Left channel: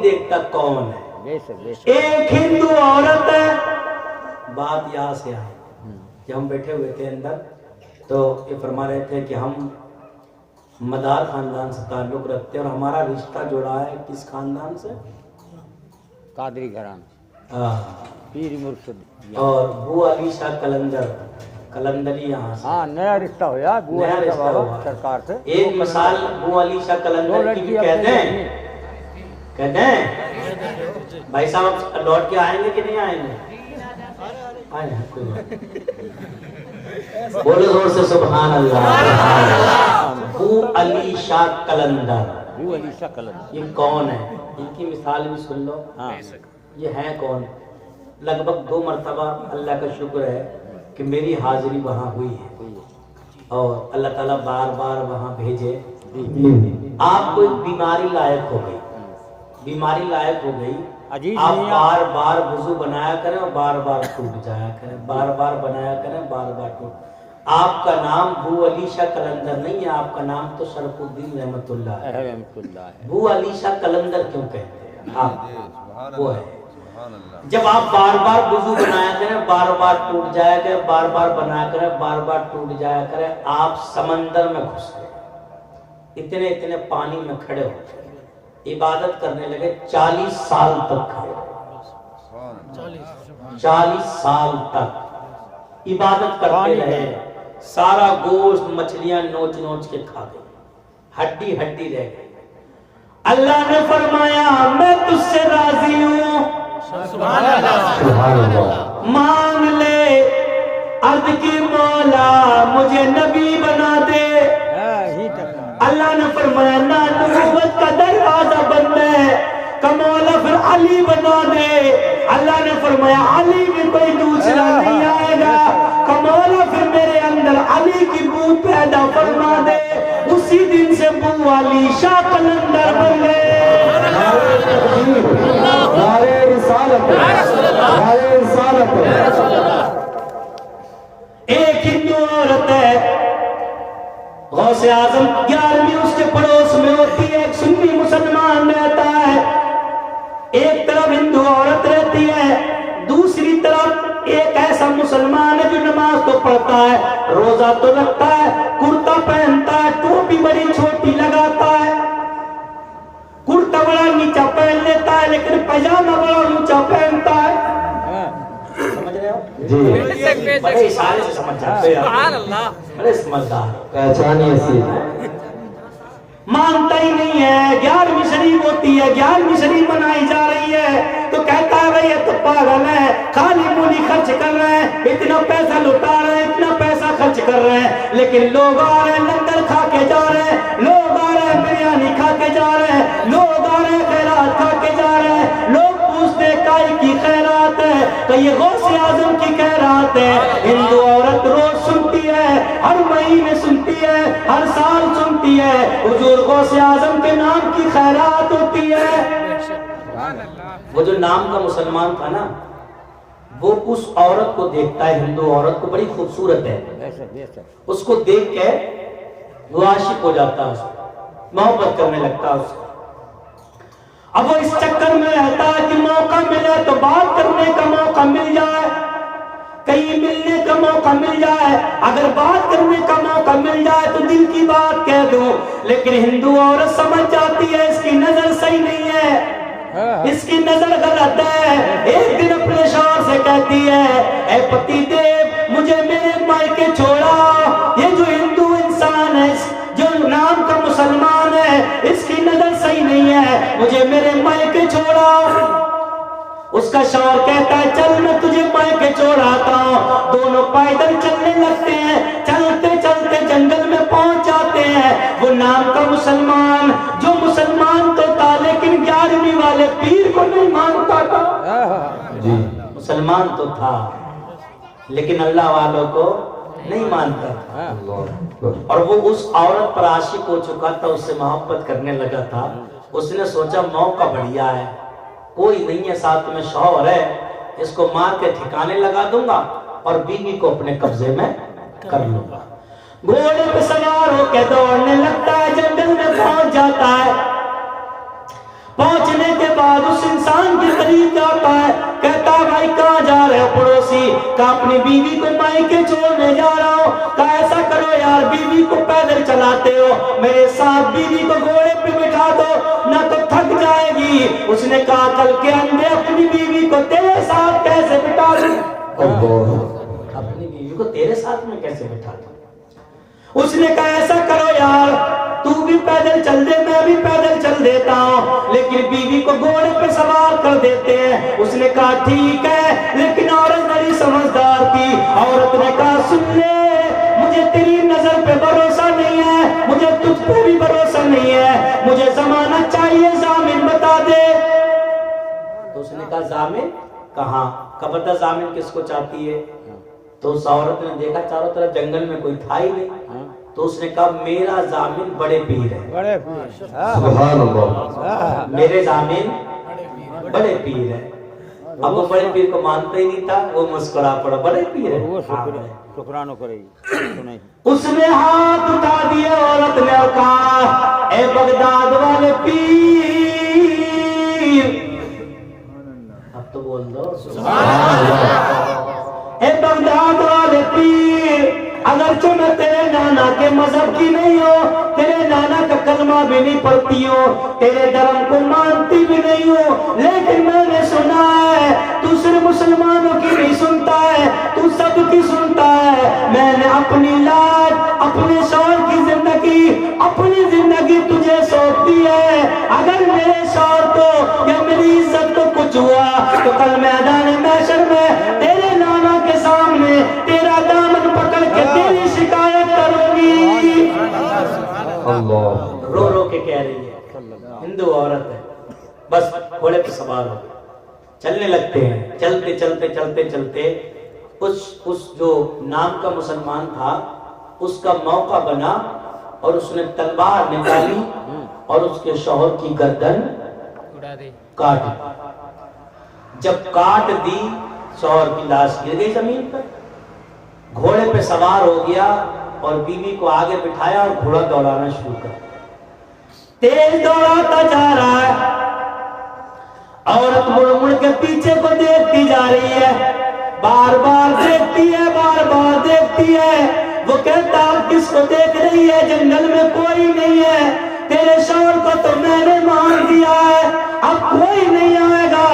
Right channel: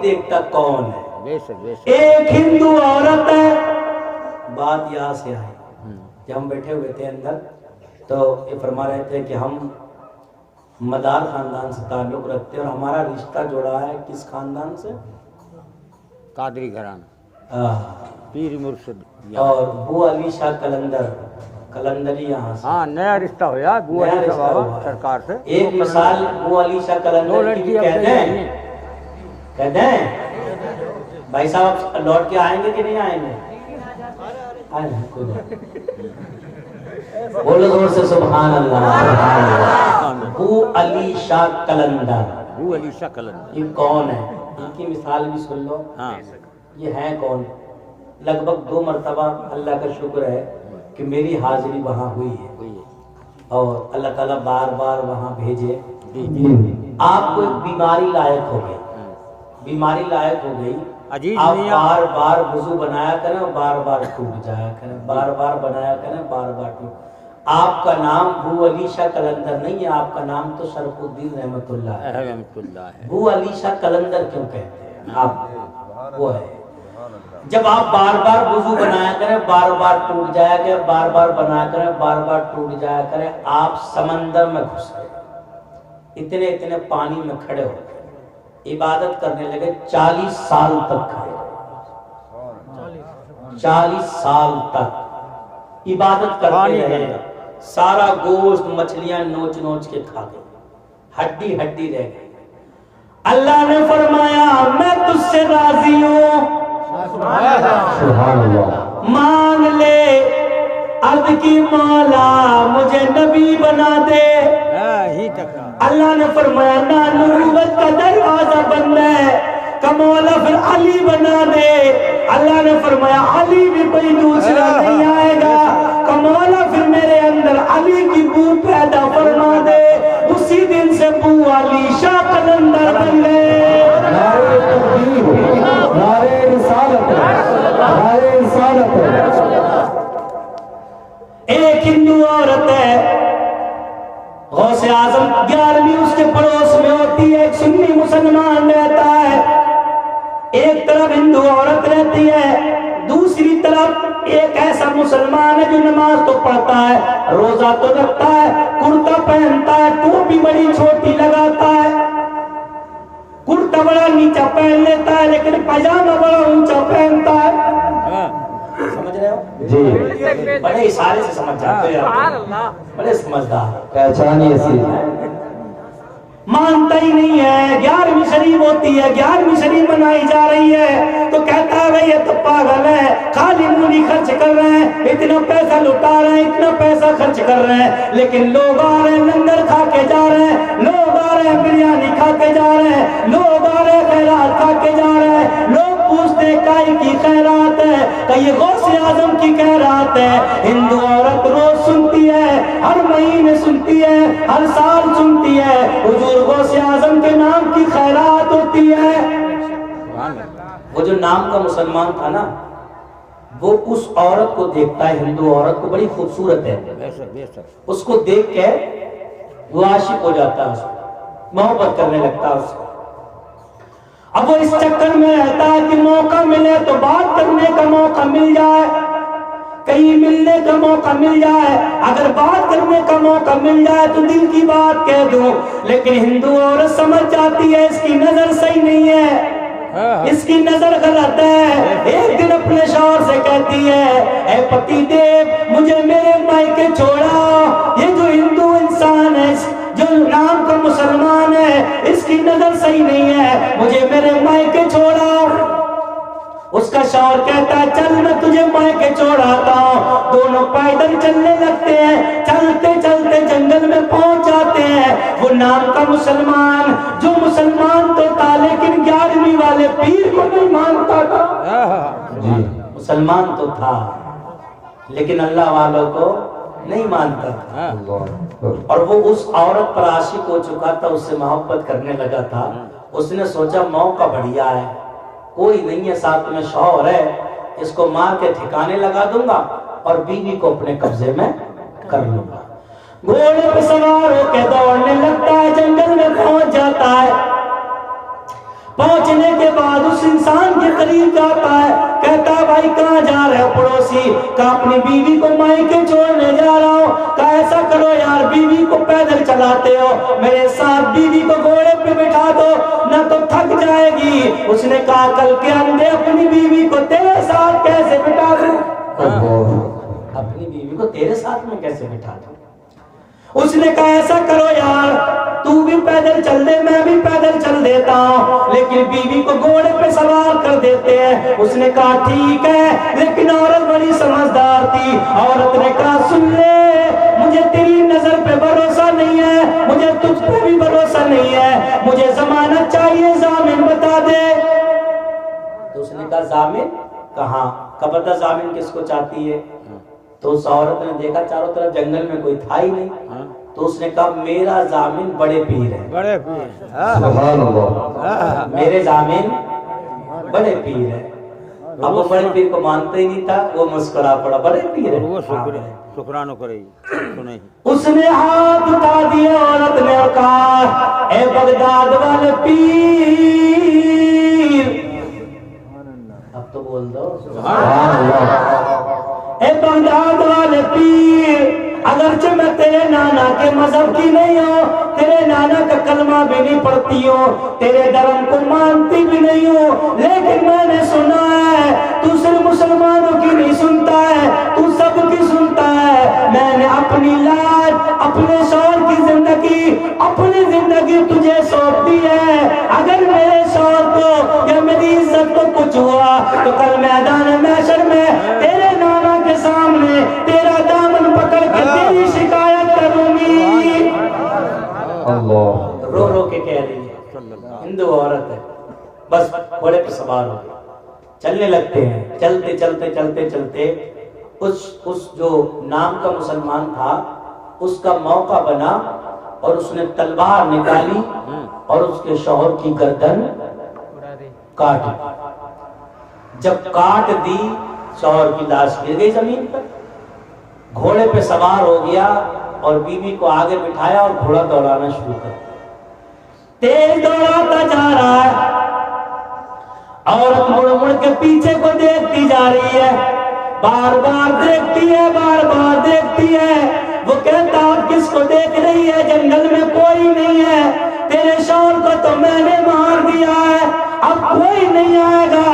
देखता कौन है। बेशक। एक हिंदू औरत है। बात यहाँ से आई कि हम बैठे हुए थे अंदर, तो ये फरमा रहे थे कि हम मदार खानदान से ताल्लुक रखते हैं और हमारा रिश्ता जुड़ा है किस खानदान से? कादरी घराना, पीर मुर्शिद और बू अली शाह कलंदरी यहाँ से। हाँ, नया रिश्ता हो यार बू अली शाह बाबा सरकार से। एक मिसाल बू अली शाह कलंदरी की कह दें भाई साहब, लौट के आएंगे कि नहीं आएंगे? बोलो जोर से सुभान अल्लाह। बू अली शाह कलंदर, बू अली शाह कलंदर ये कौन है? इनकी मिसाल भी सुन लो। हाँ। ये है कौन? लगभग 2 मरतबा अल्लाह का शुक्र है कि मेरी हाजिरी वहाँ हुई है और अल्लाह ताला बार बार वहाँ भेजे। आपको एक बीमारी लायक हो गई, बीमारी लायक हो गई, आप बार बार वुजू बनाया करें और बार बार टूट जाया करें, बार बार बनाया करें, बार बार टूट। आपका नाम बू अली शाह कलंदर नहीं है, आपका नाम तो शरफुद्दीन रहमतुल्लाह है। बू अली शाह कलंदर क्यों कहते हैं आप? वो है जब आप बार बार वुजू बनाया करें, बार बार टूट जाया करें, बार बार बनाया करें, बार बार टूट जाया करें, आप समंदर में घुस गए, इतने इतने पानी में खड़े होते, इबादत करने लगे, 40 साल तक खड़े, 40 साल तक इबादत करते रहे, सारा गोश्त मछलियां नोच नोच के खा गए, हड्डी हड्डी रह गई। अल्लाह ने फरमाया मैं तुझसे राजी हूं, मांग ले, अर्द की मौला मुझे नबी बना दे। अल्लाह ने फरमाया ना, नबूवत का दरवाजा बंद है, कमौला फिर अली बना दे। अल्लाह ने फरमाया अली भी कोई दूसरा नहीं आएगा, कमौला फिर मेरे अंदर अली की बू पैदा फरमा दे। उसी दिन से बू अली शाह कलंदर बन गए। एक हिंदू औरत है, गौसे आजम 11वीं उसके पड़ोस में होती है, एक सुन्नी मुसलमान रहता है, एक तरफ हिंदू औरत रहती है, दूसरी तरफ एक ऐसा मुसलमान है जो नमाज तो पढ़ता है, रोजा तो रखता है, कुर्ता पहनता है, टोपी बड़ी छोटी लगाता है, कुर्ता बड़ा नीचा पहन लेता है, लेकिन पैजामा बड़ा ऊंचा पहनता है। समझ रहे हो जी? बड़े इशारे से समझ जाते हैं, बड़े समझदार, पहचानिए ऐसी। मानता ही नहीं है, 11वीं शरीफ होती है, 11वीं शरीफ मनाई जा रही है, तो कहता है भाई ये तो पागल है, खाली मूली खर्च कर रहे हैं, इतना पैसा लुटा रहे हैं, इतना पैसा खर्च कर रहे हैं, लेकिन लोग आ रहे हैं लंगर खा के जा रहे हैं, लोग आ रहे हैं बिरयानी खा के जा रहे हैं, लोग आ रहे हैं खैरात खा के जा रहे हैं, लोग पूछते काई की खैरात है, तो ये गौसे आजम की खैरात है। हिंदू औरत रोज सुनती है, हर महीने सुनती है, हर साल सुनती है, हुजूर गौसे आजम के नाम की खैरात होती है। वो जो नाम का मुसलमान था ना, वो उस औरत को देखता है, हिंदू औरत को, बड़ी खूबसूरत है, उसको देख के वो आशिक हो जाता है, मोहब्बत करने लगता है उसको। अब वो इस चक्कर में रहता है कि मौका मिले तो बात करने का मौका मिल जाए, कहीं मिलने का मौका मिल जाए, अगर बात करने का मौका मिल जाए तो दिल की बात कह दूं। लेकिन हिंदू औरत समझ जाती है इसकी नजर सही नहीं है, इसकी नजर गलत है। एक दिन अपने शौहर से कहती है, ऐ पति देव मुझे मेरे मायके छोड़ा, ये जो हिंदू इंसान है, जो नाम का मुसलमान है, इसकी नजर सही नहीं है, मुझे मेरे मायके छोड़ा। उसका शौहर कहता है चल मैं तुझे मायके छोड़ाता हूँ। दोनों पैदल चलने लगते हैं, चलते चलते जंगल में पहुंच जाते हैं। वो नाम का मुसलमान, जो मुसलमान तो था लेकिन 11वीं वाले पीर को नहीं मानता था जी। मुसलमान तो था लेकिन अल्लाह वालों को नहीं मानता था, और वो उस औरत पर आशिक हो चुका था, उससे मोहब्बत करने लगा था। उसने सोचा मौका बढ़िया है, कोई नहीं है साथ में, शौहर है, इसको मार के ठिकाने लगा दूंगा और बीवी को अपने कब्जे में कर लूंगा। घोड़े पे सवार होकर दौड़ने लगता है, जंगल में पहुंच जाता है। पहुंचने के बाद उस इंसान के करीब जाता है, कहता भाई कहाँ जा रहे हो पड़ोसी? कहा अपनी बीवी को मायके छोड़ने जा रहा हूँ। कहा ऐसा करो यार, बीवी को पैदल चलाते हो, मेरे साथ बीवी को घोड़े पे बिठा दो, ना तो थक जाएगी। उसने कहा कल के अंधे अपनी बीवी को तेरे साथ कैसे बिठा दूं? अपनी बीवी को तेरे साथ में कैसे बिठा दूं? उसने कहा ऐसा करो यार, तू भी पैदल चल दे, मैं भी पैदल चल देता हूँ, लेकिन बीवी को घोड़े पे सवार कर देते हैं। उसने कहा ठीक है, लेकिन औरत बड़ी समझदार थी। औरत ने कहा सुन ले, मुझे तेरी नजर पे भरोसा नहीं है, मुझे तुझ पे भी भरोसा नहीं है, मुझे जमानत चाहिए, जामिन बता दे। तो उसने कहा जामिन कहाँ? कब बता जामिन किसको चाहती है? तो उस औरत ने देखा चारों तरफ जंगल में कोई था ही नहीं, तो उसने कहा मेरा जामिन बड़े पीर है, बड़े पीर, मेरे जामिन बड़े पीर है। अब वो बड़े पीर को मानते ही नहीं था, वो मुस्कुरा पड़ा, बड़े पीर है, वो शुक्राना करेगी। उसने हाथ उठा दिया औरत ने और कहा ए बगदाद वाले पीर, अब तो बोल दो ए बगदाद वाले पीर, अगरचे मैं तेरे नाना के मजहब की नहीं हो, तेरे नाना का कलमा भी नहीं पढ़ती हो, तेरे धर्म को मानती भी नहीं हो, लेकिन मैंने सुना है तू सिर्फ मुसलमानों की नहीं सुनता है, तू सबकी सुनता है। मैंने अपनी लाज, अपने शौहर की जिंदगी, अपनी जिंदगी तुझे सौंप दी है। अगर मेरे शौहर को या मेरी इज्जत को कुछ हुआ तो कल मैदान महशर में तेरे नाना के सामने तेरा दामन पकड़ के तेरी शिकायत करूंगी। रो रो के कह रही है, हिंदू औरत है, बस घोड़े पे सवार हो चलने लगते हैं। चलते चलते चलते चलते उस जो नाम का मुसलमान था उसका मौका बना और उसने तलवार निकाली और उसके शौहर की गर्दन काट दी। जब काट दी शौहर की लाश गिर गई जमीन पर, घोड़े पे सवार हो गया और बीवी को आगे बिठाया और घोड़ा दौड़ाना शुरू कर, तेज दौड़ाता जा रहा है। औरत मुड़ मुड़ के पीछे को देखती जा रही है, बार बार देखती है, बार बार देखती है। वो कहता अब किसको देख रही है? जंगल में कोई नहीं है, तेरे शौहर को तो मैंने मार दिया है, अब कोई नहीं आएगा,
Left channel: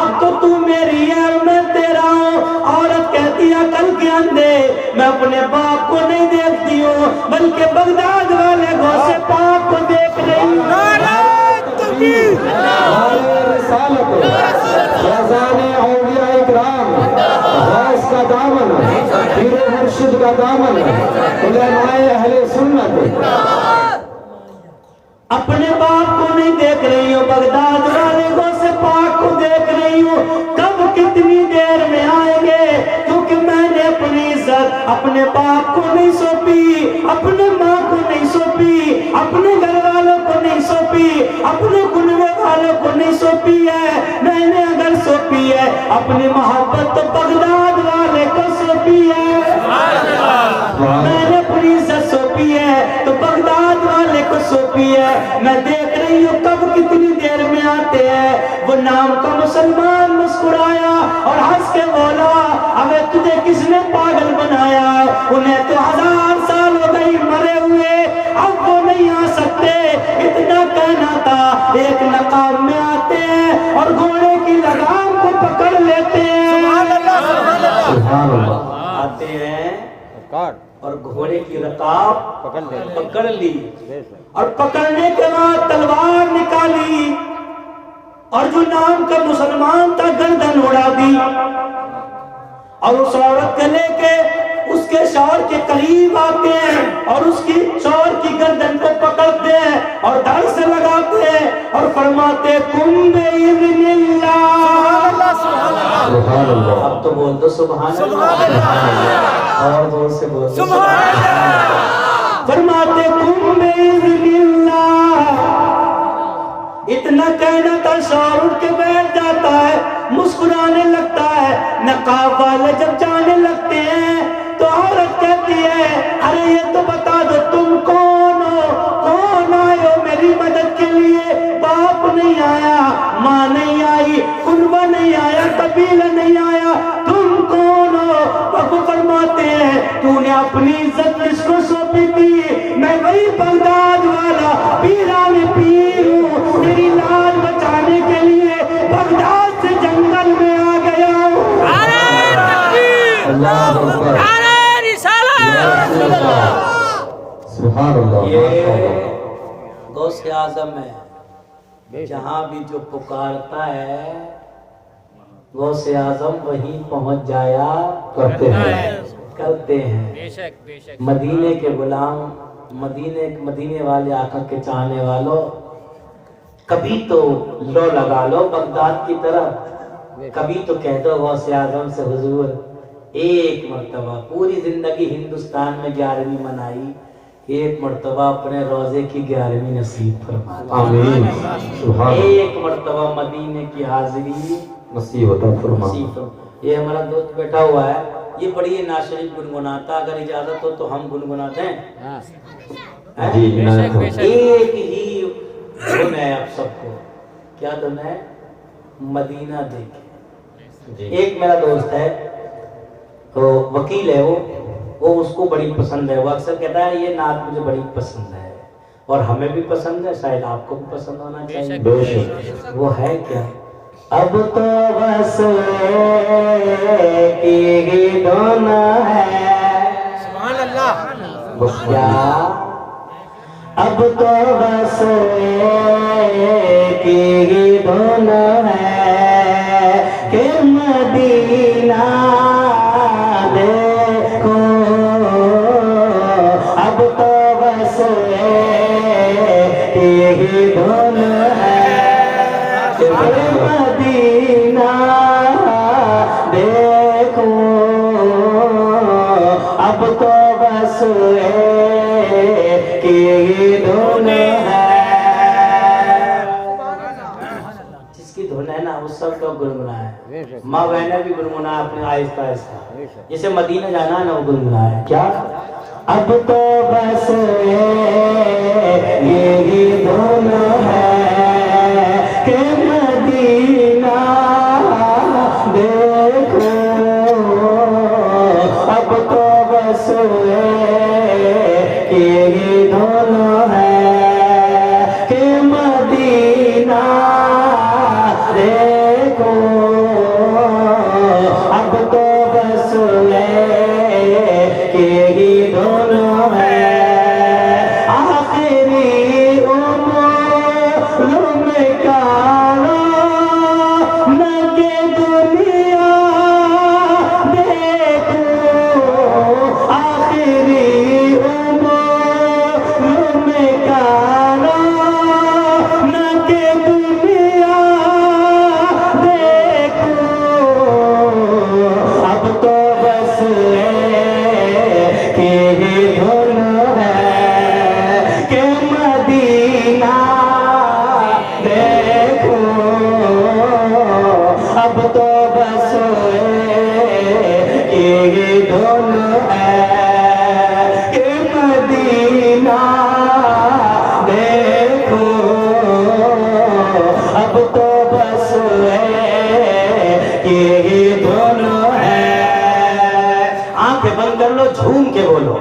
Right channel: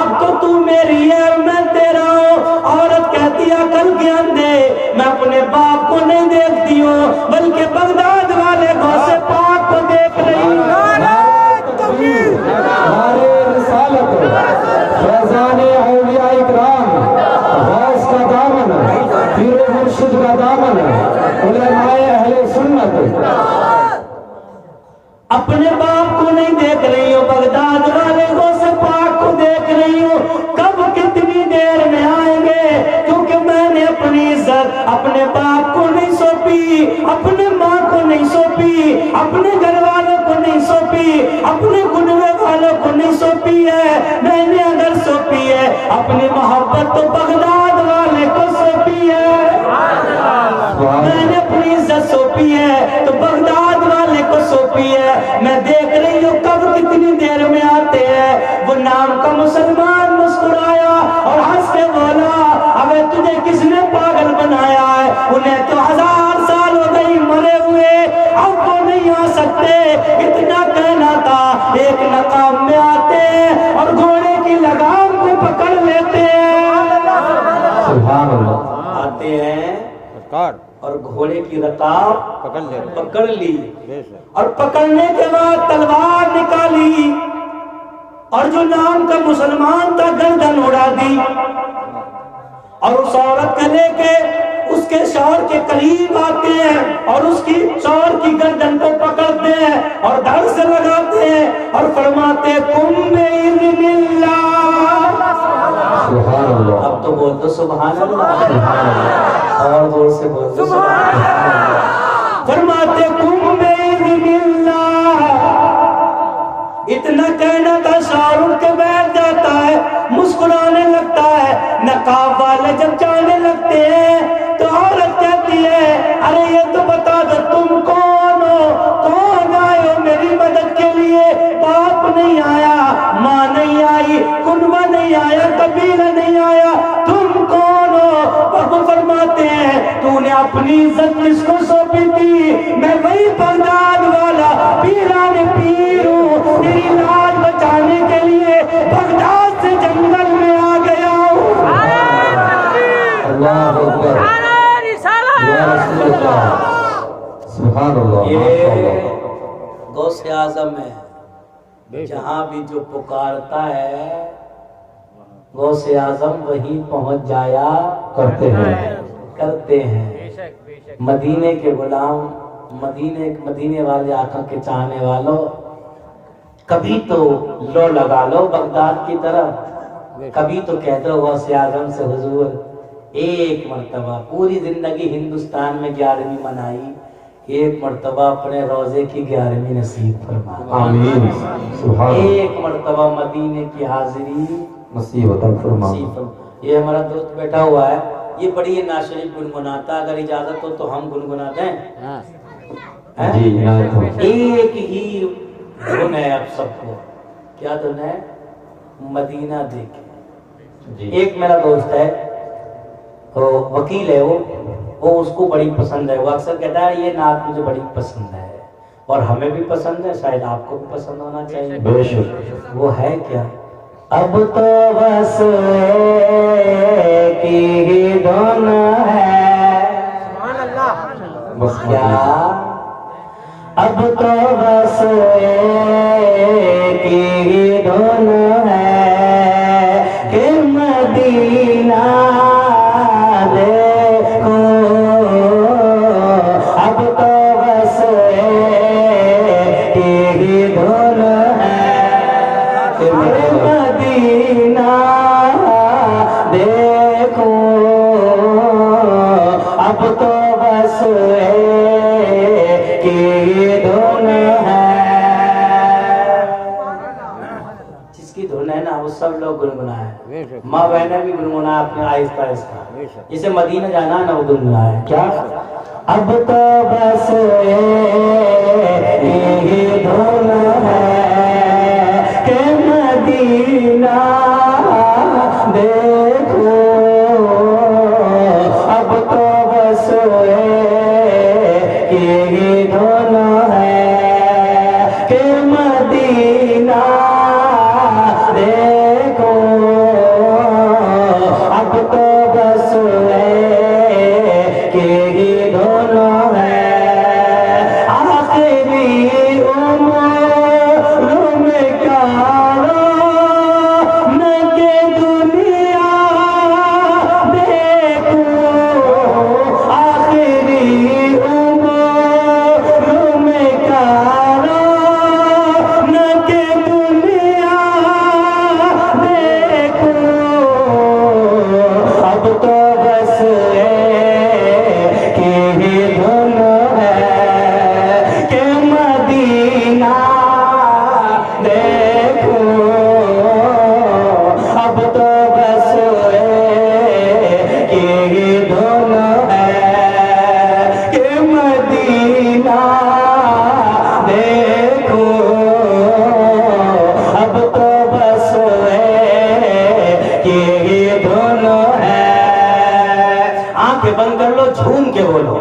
अब तो तू मेरी है मैं तेरा हूँ। औरत कहती है कल के अंधे मैं अपने बाप को नहीं देखती हूँ, बल्कि बगदाद वाले गौसे पाक को देख रही हूँ। का दामन उलमाए अहले सुन्नत, अपने बाप को नहीं देख रही हो, बगदाद वाले गौसे पाक को देख रही हूँ। कब कितनी देर में आएंगे? क्योंकि मैंने अपनी इज्जत अपने बाप को नहीं सौंपी, अपने माँ को नहीं सौंपी, अपने घर वालों को नहीं सौंपी, अपने कुनबे वालों को नहीं सौंपी है। मैंने अगर सौंपी है अपनी मोहब्बत तो बगदाद वाले को सौंपी है, मैंने अपनी इज्जत सौंपी है तो बगदाद वाले को सौंपी है। मैं देख रही हूँ कब कितनी देर में आते हैं। वो नाम का मुसलमान मुस्कुराया और हंस के बोला अबे तुझे किसने पागल बनाया है? उन्हें तो 1000 साल हो गई मरे हुए, अब वो नहीं आ सकते। इतना कहना था, एक नकाब में आते हैं और घोड़े की लगाम को पकड़ लेते हैं, आते हैं और घोड़े की रकाब पकड़ ली और पकड़ने के बाद तलवार निकाली और जो नाम का मुसलमान था गर्दन उड़ा दी और उस औरत को लेके उसके शौहर के करीब आते हैं और उसकी शौहर की गर्दन को पकड़ते हैं और धड़ से लगाते हैं और फरमाते कुम्बे अब तो बोल दो सुभान अल्लाह और जोर से बोल दो फरमाते कुम्बे इतना कहना था शौहर उठ के बैठ जाता है, मुस्कुराने लगता है। नकाब वाले जब जाने लगते हैं तो औरत कहती है अरे ये तो बता दो तुम कौन हो, कौन आए हो मेरी मदद के लिए? बाप नहीं आया, माँ नहीं आई, कुनबा नहीं आया, कबीला नहीं आया, तुम कौन हो? वो फरमाते हैं तूने अपनी इज्जत किसको सौंपी थी? मैं वही बगदाद वाला पीरान पीर हूँ, तेरी लाज बचाने के लिए बगदाद से जंगल में आ गया हूँ। अल्लाह अकबर, सुभान अल्लाह, ये गौसे आजम है, जहाँ भी जो पुकारता है गौसे आजम वहीं पहुंच जाया करते हैं। मदीने के गुलाम, मदीने वाले आका के चाहने वालों, कभी तो लो लगा लो बगदाद की तरफ, कभी तो कह दो गौसे आजम से हुजूर एक मर्तबा, पूरी जिंदगी हिंदुस्तान में 11वीं मनाई, एक मर्तबा अपने रोजे की 11वीं नसीब फरमा, आमीन, सुभान अल्लाह, एक मर्तबा मदीने की हाजिरी नसीब अता फरमा। नसीब फरमा। ये हमारा दोस्त बैठा हुआ है, ये बड़ी नाशरीफ गुनगुनाता, अगर इजाजत हो तो हम गुनगुनाते हैं। हाँ हैं? जी, इनायत हो। एक ही धुन है आप सबको, क्या धुन है? मदीना देखे। जी, एक मेरा दोस्त है, तो वकील है वो उसको बड़ी पसंद है, वो अक्सर कहता है ये नात मुझे बड़ी पसंद है, और हमें भी पसंद है, शायद आपको भी पसंद होना चाहिए। बेशक। वो है क्या? अब तो बस एक ही धुन है, बस क्या? अब तो बस एक ही धुन है कि मदीना देखो, अब तो बस एक ही धुन है कि मदीना देखो, अब तो बस एक ही धुन है। जिसकी धुन है ना वो सब लोग गुनगुनाए, माँ बहने भी गुनगुनाए अपने आहिस्ता आहिस्ता, जैसे मदीना जाना है ना वो गुनगुनाए क्या? अब तो बस एक ही धुन है कि मदीना देखो, अब तो बस एक ही धुन है कि मदीना देखो, अब तो बस एक ही धुन है। आखिरी उम्र में कालो नगे दुनिया देखो, आखिरी उम्र में कालो नगे दुनिया देखो, अब तो बस एक ही धुन है कि मदीना देखो, अब तो बस एक ही धुन है कि मदीना देखो, अब तो बस एक ही धुन है। आंखें बंद कर लो, झूम के बोलो,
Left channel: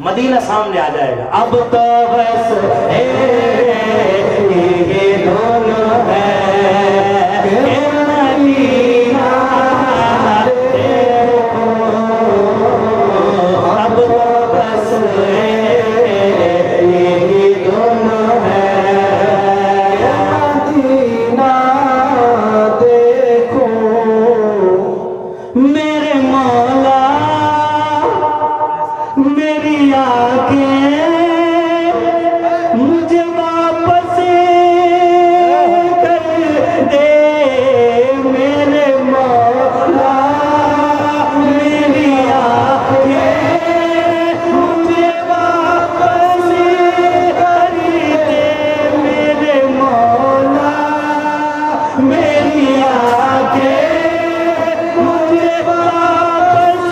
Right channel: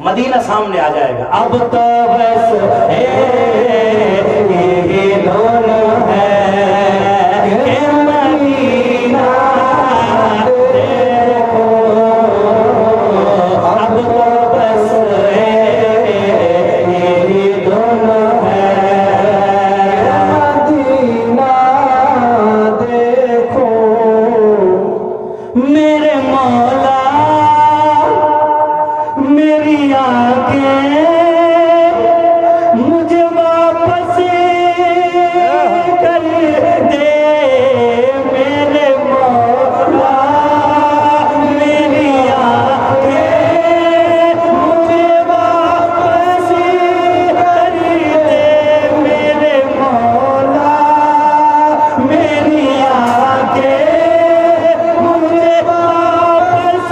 मदीना सामने आ जाएगा। अब तो बस एक ही धुन है कि मदीना देखो, अब तो बस एक ही धुन है, मदीना देखो। मेरे मौला मेरी आंखें मुझे वापस कर दे, मेरे मौला मेरी आंखें मुझे वापस कर दे, मेरे मौला मेरी आंखें मुझे वापस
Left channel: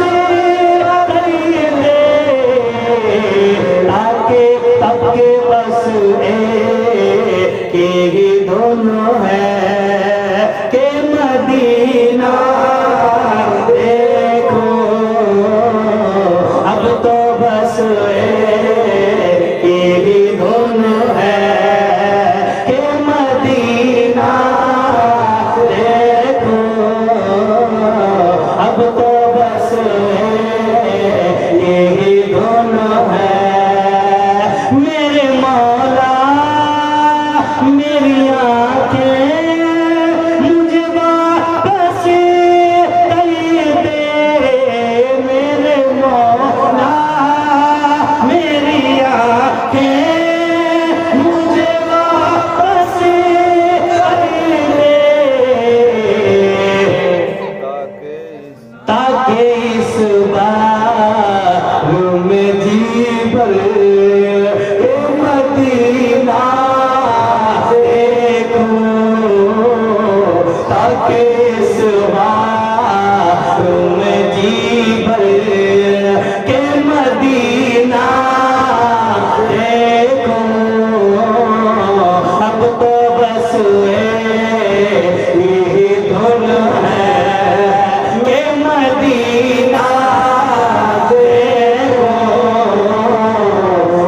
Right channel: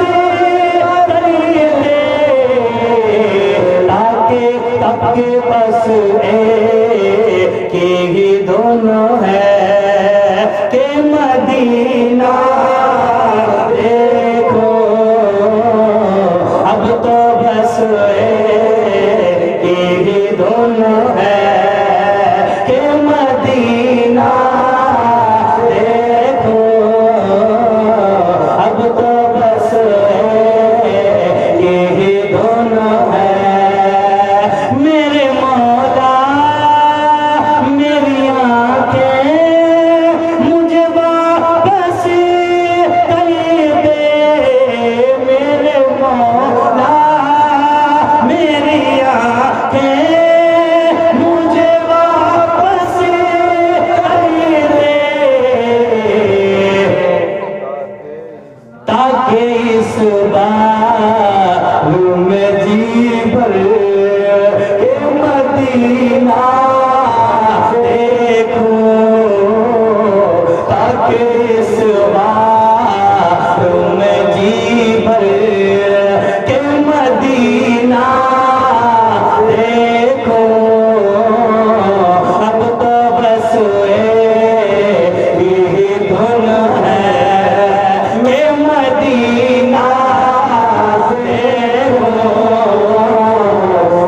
कर दे, ताकि सबके बस के ही दोनों है के मदीना देखो अब तो बस एक ही दोनों है के मदीना देखो अब तो बस एक ही दोनों है मेरे मौला मेरी आंखें मुझे वापस कर दे मेरे मौला मेरी आंखें मुझे वापस कर दे ताकि इस बार में जी भर के मदीना देखो ताकि इस बार में जी भर के मदीना देखो अब तो बस एक ही धुन है के मदीना देखो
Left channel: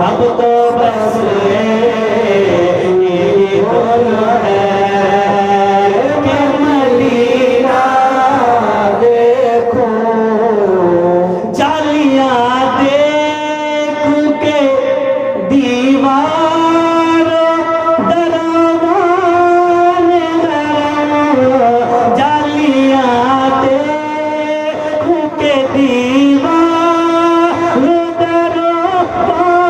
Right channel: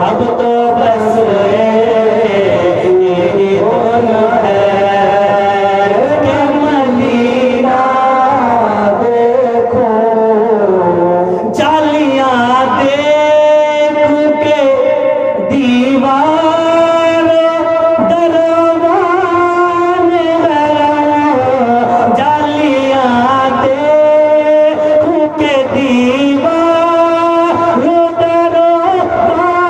अब तो बस एक ही धुन है के मदीना देखो जालियां देख के दीवार दरवान जालियां देख के दीवार दरवान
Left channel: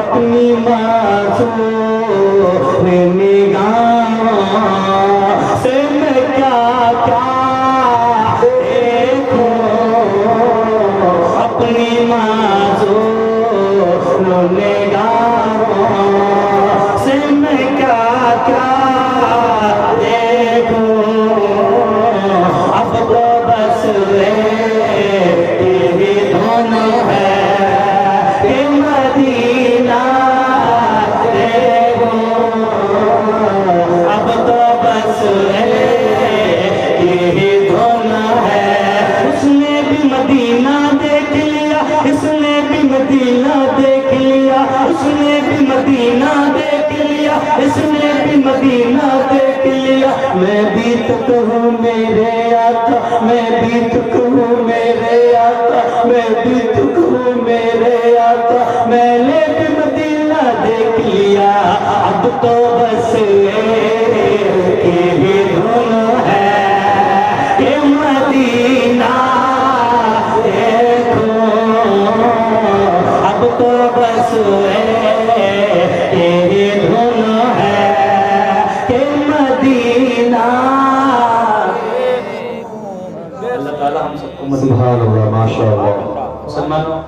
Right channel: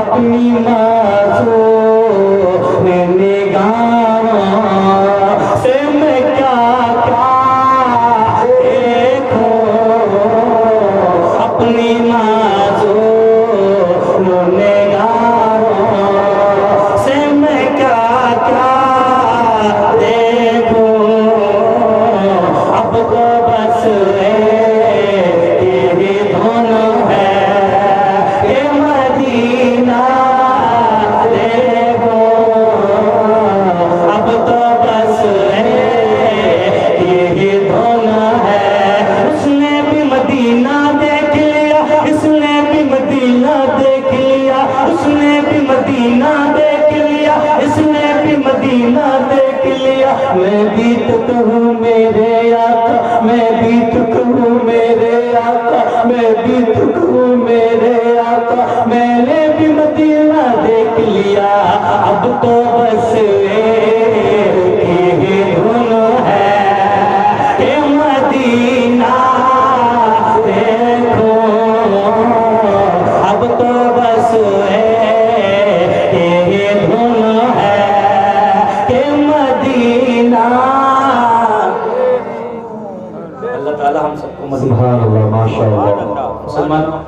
अपनी मासूम निगाह से मैं क्या क्या देखो अपनी मासूम निगाह से मैं क्या क्या देखो अब तो बस एक ही धुन है के मदीना देखो अब तो बस एक ही धुन है उसने भी मदीना देख लिया इसने भी मदीना देख लिया उसने भी मदीना देख लिया इसने भी मदीना देख लिया मैं भी तो कहूँ मेरे आका मैं भी तो कहूँ मेरे आका मैं भी तो कहूँ मेरे आका मैंने भी मदीना देख लिया अब तो बस एक ही धुन है के मदीना देखो अब तो बस एक ही धुन है के मदीना अल्लाह ताला हम सबको मदीना सुभान अल्लाह माशाअल्लाह मुसलमानों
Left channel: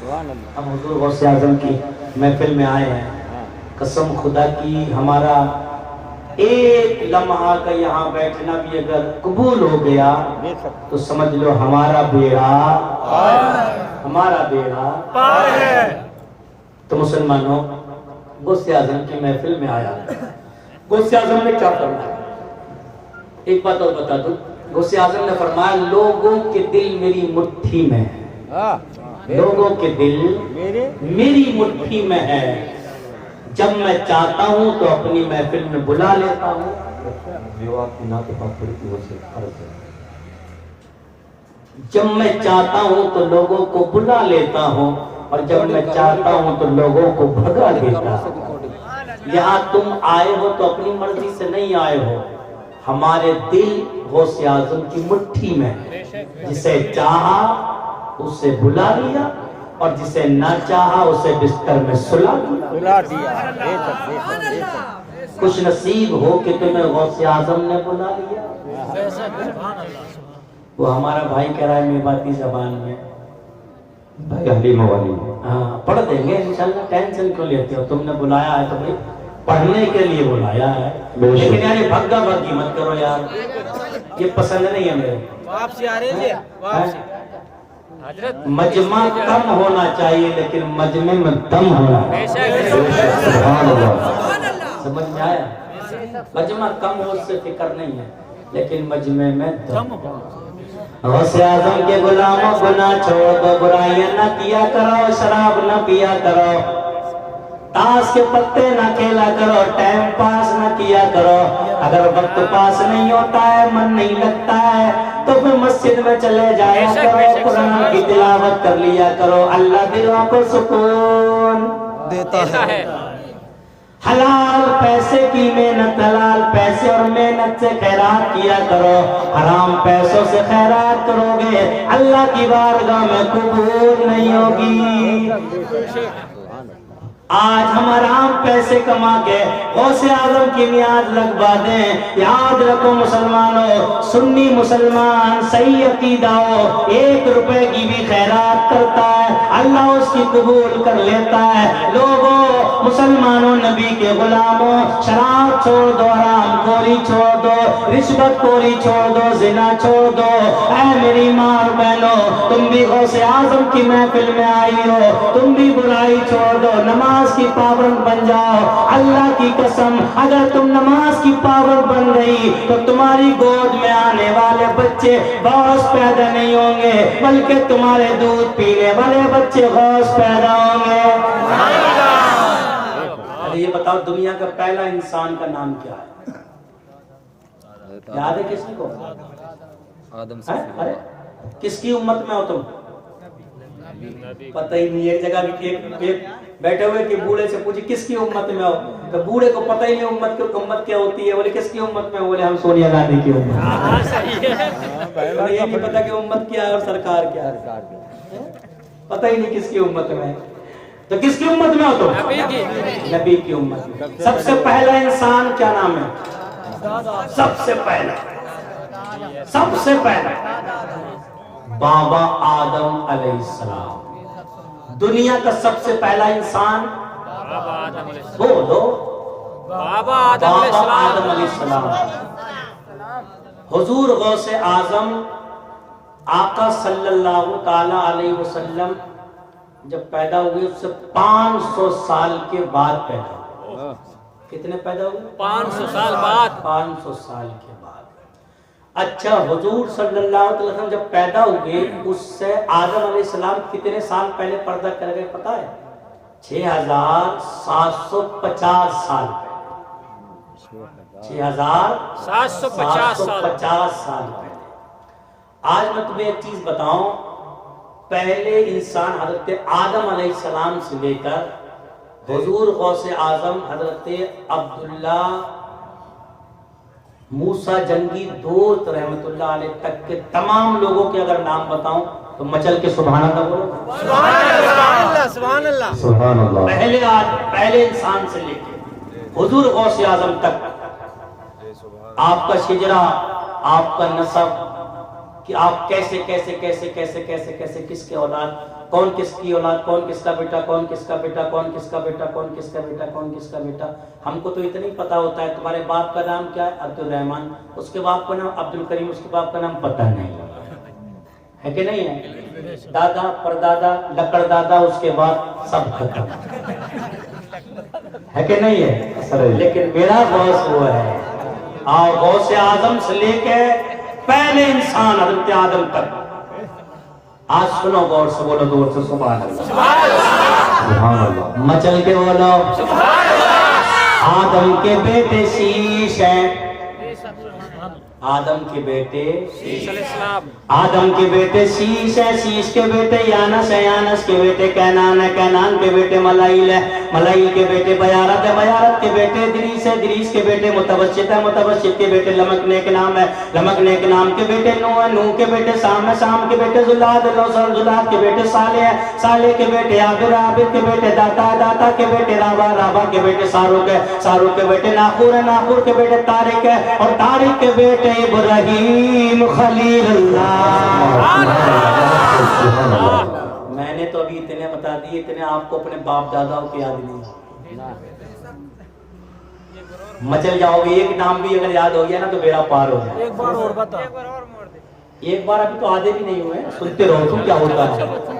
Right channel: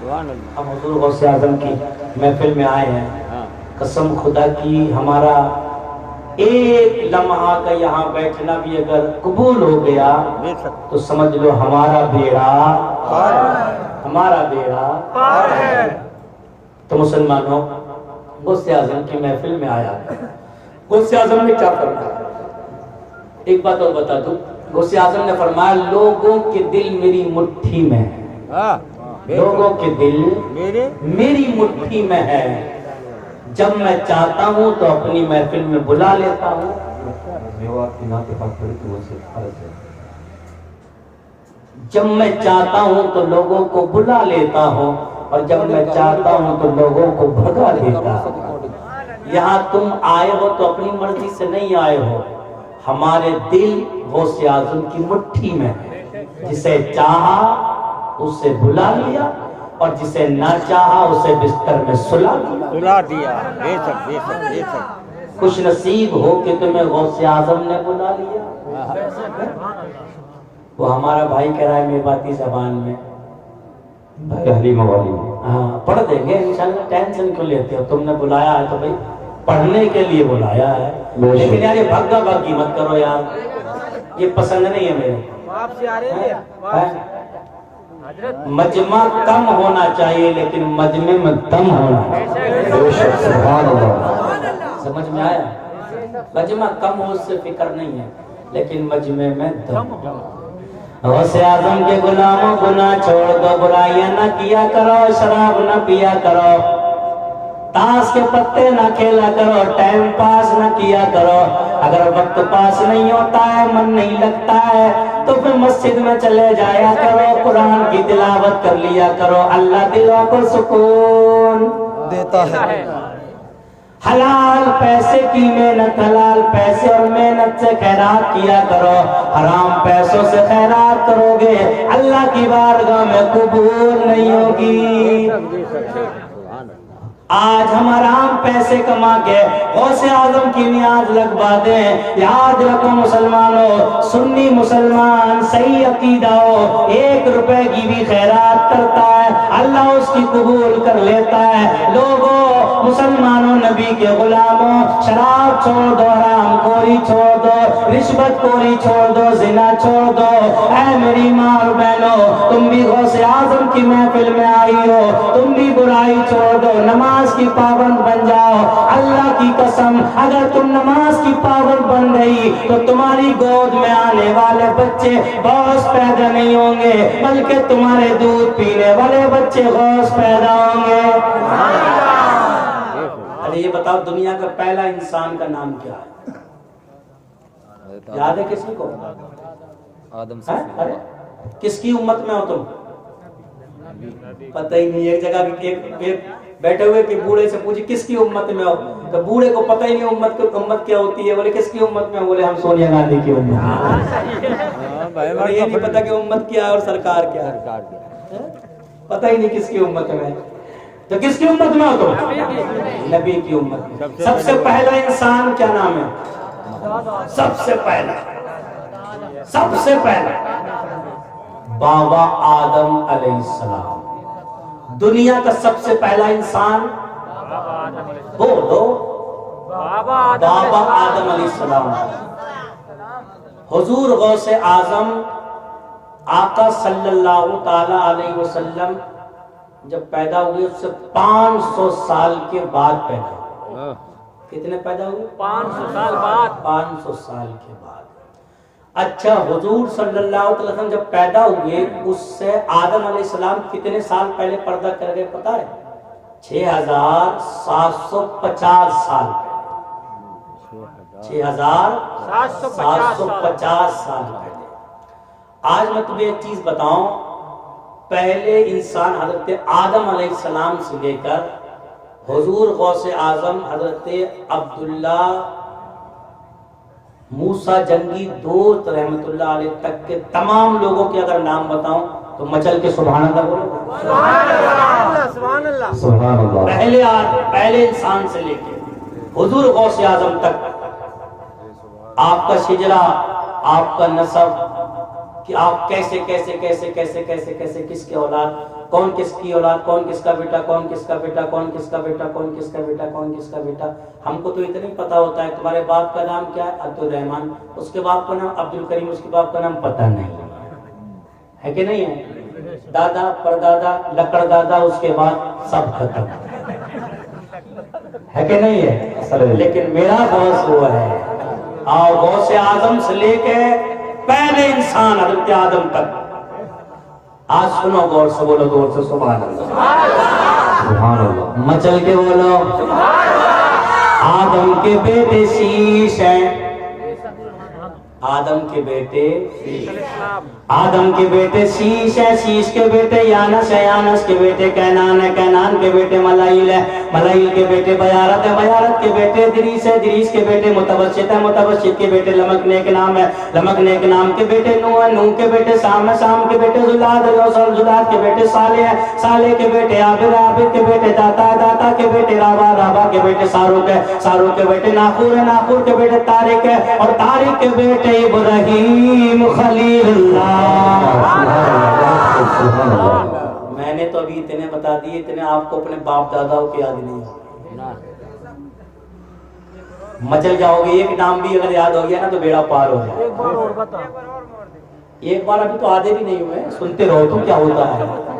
सुभान अल्लाह। हम हुजूर गौसे आजम की महफिल में आए हैं हाँ, कसम खुदा की हमारा एक लम्हा का यहाँ बैठना भी अगर कबूल हो गया देख सकते तो समझ लो हमारा बेड़ा तो मुसलमानों गौसे आजम की महफिल में आया गौसे आजम ने क्या फरमाया एक बात और बता दूं गौसे आजम ने फरमाया लोगों के दिल मेरी मुट्ठी में है हाँ, लोगों के दिल मेरे मेरी मुट्ठी में है जब मैं चाहता हूँ तो अपनी महफिल में बुला लेता हूँ मेवात की नाते बात पड़ी थी वो से अर्ज है जब मैं चाहता हूँ तो लोगों को बुला लेता हूँ और जब मैं चाहता हूँ तो लोगों को भगा देता हूँ यहाँ तुम आए हो तो अपनी मर्जी से नहीं आए हो हमारे दिल गौसे आजम की मुट्ठी में है जिसे चाहा उसे बुला लिया और जिसे ना चाहा उसे बिस्तर में सुला दिया सुला दिया। बेशक बेशक बेशक। खुश नसीब हो कि तुम्हें गौसे आजम ने बुला लिया। वो हमारा भाई कह रहा है मेवाती जबान में भाई हलीमा वाली हाँ पढ़ देंगे इंशाल्लाह टेंशन क्यों लेते हो तुमने बुलाया है तो भाई पढ़ने के लिए बुलाया है बेशक। लेकिन यार ये भग्गा भग्गी मत करो यार ये पसंद नहीं है मेरे वापसी आ रही है हैं? मजमा कम होना चाहिए लेकिन मजमे में दम होना सुभान अल्लाह। समझ में आया? मजमा कम हो उससे फिक्र नहीं है लेकिन मजमे में दम। गौसे आजम के गुलामों गुनाह छोड़ दो, बुराइयां ना किया करो, शराब ना पिया करो, ताश के पत्ते ना खेला करो, टाइम पास ना किया करो। अगर वक्त पास नहीं होता है, मन नहीं लगता है, तो फिर मस्जिद में चले जाया करो, कुरान की तिलावत कर लिया करो। अल्लाह दिलों को सुकून देता है। हलाल पैसे की मेहनत, हलाल पैसे और मेहनत से खैरात किया करो। हराम पैसों से खैरात करोगे अल्लाह की बारगाह में कबूल नहीं होगी। आज हम आराम पैसे कमा के गौसे आजम की नियाज लगवा दें। याद रखो मुसलमानों, सुन्नी मुसलमान सही अकीदा हो, 1 रुपए की भी खैरात करता है अल्लाह उसकी कबूल कर लेता है। लोगों मुसलमानों, नबी के गुलामों, शराब छोड़ दो, हराम खोरी छोड़ दो, रिश्वत खोरी छोड़ दो, जिना छोड़ दो। ऐ मेरी माँ और बहनों, तुम भी गौसे आजम की महफिल में आई हो, तुम भी बुराई छोड़ दो, नमाज की पाबंद बन जाओ। अल्लाह की कसम, अगर तुम नमाज की पाबंद बन गई तो तुम्हारी गोद में आने वाले बच्चे गौस पैदा नहीं होंगे, बल्कि तुम्हारे दूध पीने वाले बच्चे गौस पैदा होंगे। अरे ये बताओ, दुनिया का पहला इंसान का नाम क्या है? याद है किसी को? आदम से। अरे किसकी उम्मत में हो तुम? पता ही नहीं। एक जगह एक बैठे हुए कि बूढ़े से पूछे किसकी उम्मत में हो, तो बूढ़े को पता ही नहीं उम्मत क्या होती है। बोले किसकी उम्मत में? बोले हम सोनिया गांधी की उम्मत में। और ये नहीं पता कि उम्मत क्या है और सरकार क्या है, पता ही नहीं किसकी उम्मत में। तो किसकी उम्मत में हो तुम? नबी की उम्मत में। सबसे पहला इंसान क्या नाम है? सबसे पहला बाबा आदम अलैहिस्सलाम। दुनिया का सबसे पहला इंसान बोलो, बाबा आदम अलैहिस्सलाम। हुजूर गौसे आजम आका सल्लल्लाहु ताला अलैहि वसल्लम जब पैदा हुए उससे 500 साल के बाद पैदा हुए। कितने पैदा हुए? 500 साल बाद। 500 साल के बाद। अच्छा, हुजूर सल्लल्लाहु अलैहि वसल्लम जब पैदा हुए उससे आदम अलैहिस्सलाम कितने साल पहले पर्दा कर गए पता है? 6750 साल पहले। 6750 साल पहले। आज मैं तुम्हें एक चीज बताऊं, पहले इंसान हजरत आदम अलैहिस्सलाम से लेकर हुजूर गौसे आजम हजरत अब्दुल्ला मूसा जंगी दोस्त रहमतुल्लाह अलैह तक के तमाम लोगों के अगर नाम बताऊं तो मचल के सुभान अल्लाह बोलो। सुभान अल्लाह। पहले इंसान से लेके हुजूर गौसे आजम तक आपका शिजरा, आपका नसब, कि आप कैसे कैसे कैसे कैसे कैसे कैसे किसके औलाद, कौन किसकी औलाद, कौन किसका बेटा, कौन किसका बेटा, कौन किसका बेटा, कौन किसका बेटा, कौन किसका बेटा। हमको तो इतना ही पता होता है तुम्हारे बाप का नाम क्या है? अब्दुल रहमान, उसके बाप का नाम अब्दुल करीम, उसके बाप का नाम पता नहीं है कि नहीं है? दादा परदादा लकड़ दादा, उसके बाद सब खत्म है कि नहीं है? लेकिन मेरा गौस वो है, और गौसे आजम से लेके पहले इंसान हजरत आदम तक। आज सुनो गौर से, बोलो गौर से सुभान अल्लाह। मचल के बोलो। आदम के बेटे शीश हैं, आदम के बेटे आदम के बेटे शीश है, शीश के बेटे यानस है, यानस के बेटे कैनान है, कैनान के बेटे मलाइल है, मलाइल के बेटे बयारत है, बयारत के बेटे दरीस है, दरीस के बेटे मुतवस्सित है, मुतवस्सित के बेटे लमकने के नाम है, लमकने के नाम के बेटे नूह है, नूह के बेटे साम है, साम के बेटे जुलाद है, जुलाद के बेटे साले है, साले के बेटे आबिद, आबिद के बेटे दाता है, दाता के बेटे राबा, राबा के बेटे सारुक है, सारुक के बेटे नाखूर है, नाखूर के बेटे तारिक है, और तारिक के बेटे इब्राहीम खलीलुल्लाह। मैंने तो अभी इतने बता दिए, इतने आपको अपने बाप दादाओं की याद नहीं। मचल जाओगे, एक नाम भी अगर याद हो गया ना तो बेड़ा पार हो जाए। एक बार अभी तो आधे भी नहीं हुए, सुनते रहो तुम क्या होता है।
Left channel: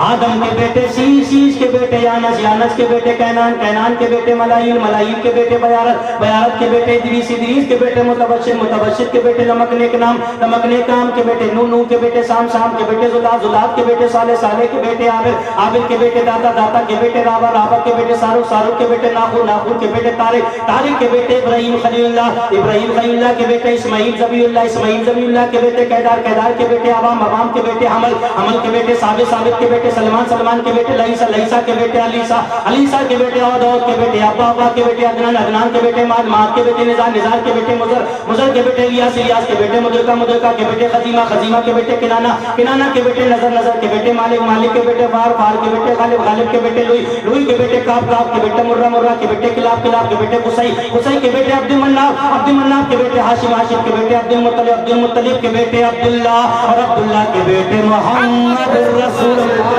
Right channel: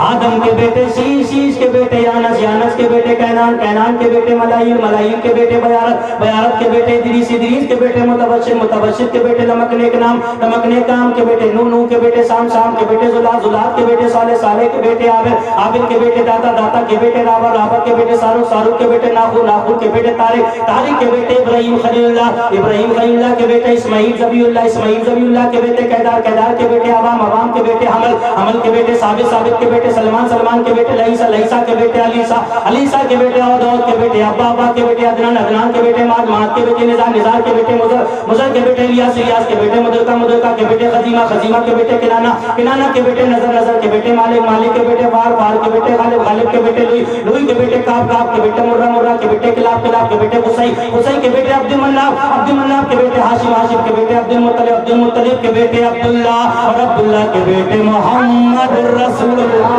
आदम के बेटे शीश, शीश के बेटे यानस, यानस के बेटे कैनान, कैनान के बेटे मलाइल, मलाइल के बेटे बयारत, बयारत के बेटे इदरीस, इदरीस के बेटे मुतबशिर, मुतबशिर के बेटे लमकने के नाम, लमकने काम के बेटे नूह, नूह के बेटे शाम, शाम के बेटे जुलात, जुलात के बेटे साले, साले के बेटे आबिद, आबिद के बेटे दाता, दाता के बेटे राबा, राबा के बेटे सारुक, सारुक के बेटे नाखूर, नाखूर के बेटे तारिक, तारिक के बेटे इब्राहिम खलीलुल्लाह, इब्राहिम खलीलुल्लाह के बेटे इस्माइल ज़बीउल्लाह, इस्माइल ज़बीउल्लाह के बेटे कैदार, कैदार के बेटे अवाम, अवाम के बेटे हमल, हमल के बेटे साबित, साबित के बेटे सलमान, सलमान के बेटे लईसा, लईसा के बेटे अलीसा, अलीसा के बेटे औद, औद के बेटे अब्बा, अब्बा के बेटे अदनान, अदनान के बेटे माद, माद के बेटे निज़ार, निज़ार के बेटे मुज़र, मुज़र के बेटे इलियास, इलियास के बेटे मुदरका, मुदरका के बेटे खजीमा, खजीमा के बेटे किनाना, किनाना के बेटे नजर, नजर के बेटे मालिक, मालिक के बेटे फार, फार के बेटे गालिब, गालिब के बेटे लुई, लुई के बेटे काब, काब के बेटे मुर्रा, मुर्रा के बेटे किलाब, किलाब के बेटे कुसई, कुसई के बेटे अब्दुल मन्नाफ, अब्दुल मन्नाफ के बेटे हाशिम, हाशिम के बेटे अब्दुल मुत्तलिब, अब्दुल मुत्तलिब के बेटे अब्दुल्लाह और अब्दुल्लाह के बेटे मोहम्मद रसूलुल्लाह।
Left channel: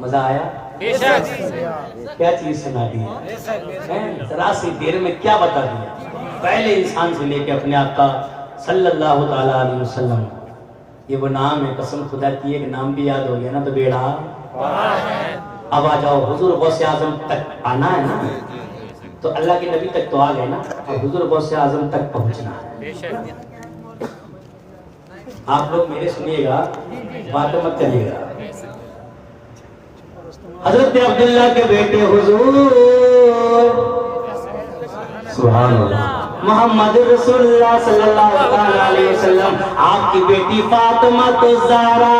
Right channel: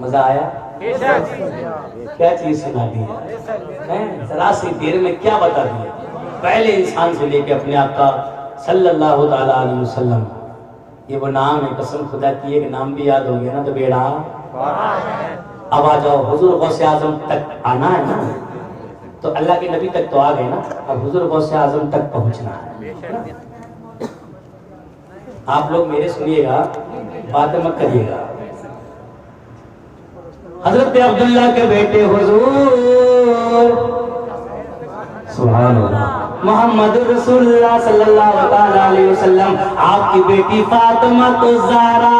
मजा आया? क्या चीज सुना दी है, जरा सी देर में क्या बता दिया। पहले इंसान से लेके अपने आप का सल्लल्लाहु ताला अलैहि वसल्लम, ये वो नाम है, कसम खुदा की एक नाम भी याद हो गया ना तो बेड़ा। अब आ जाओ, हुजूर गौसे आजम तक आना है ना, तो अल्लाह के नबी तक तो आ गए ना, अब हुजूर गौसे आजम तक पहुंचना है। आप लोग मेरे सुनिएगा, बात मत करिएगा। हजरत अब्दुल्ला के बेटे हुजूर सुभान अल्लाह मोहम्मद रसूलुल्लाह सल्लल्लाहु अलैहि वसल्लम, आपकी बेटी फातिमा तो ज़हरा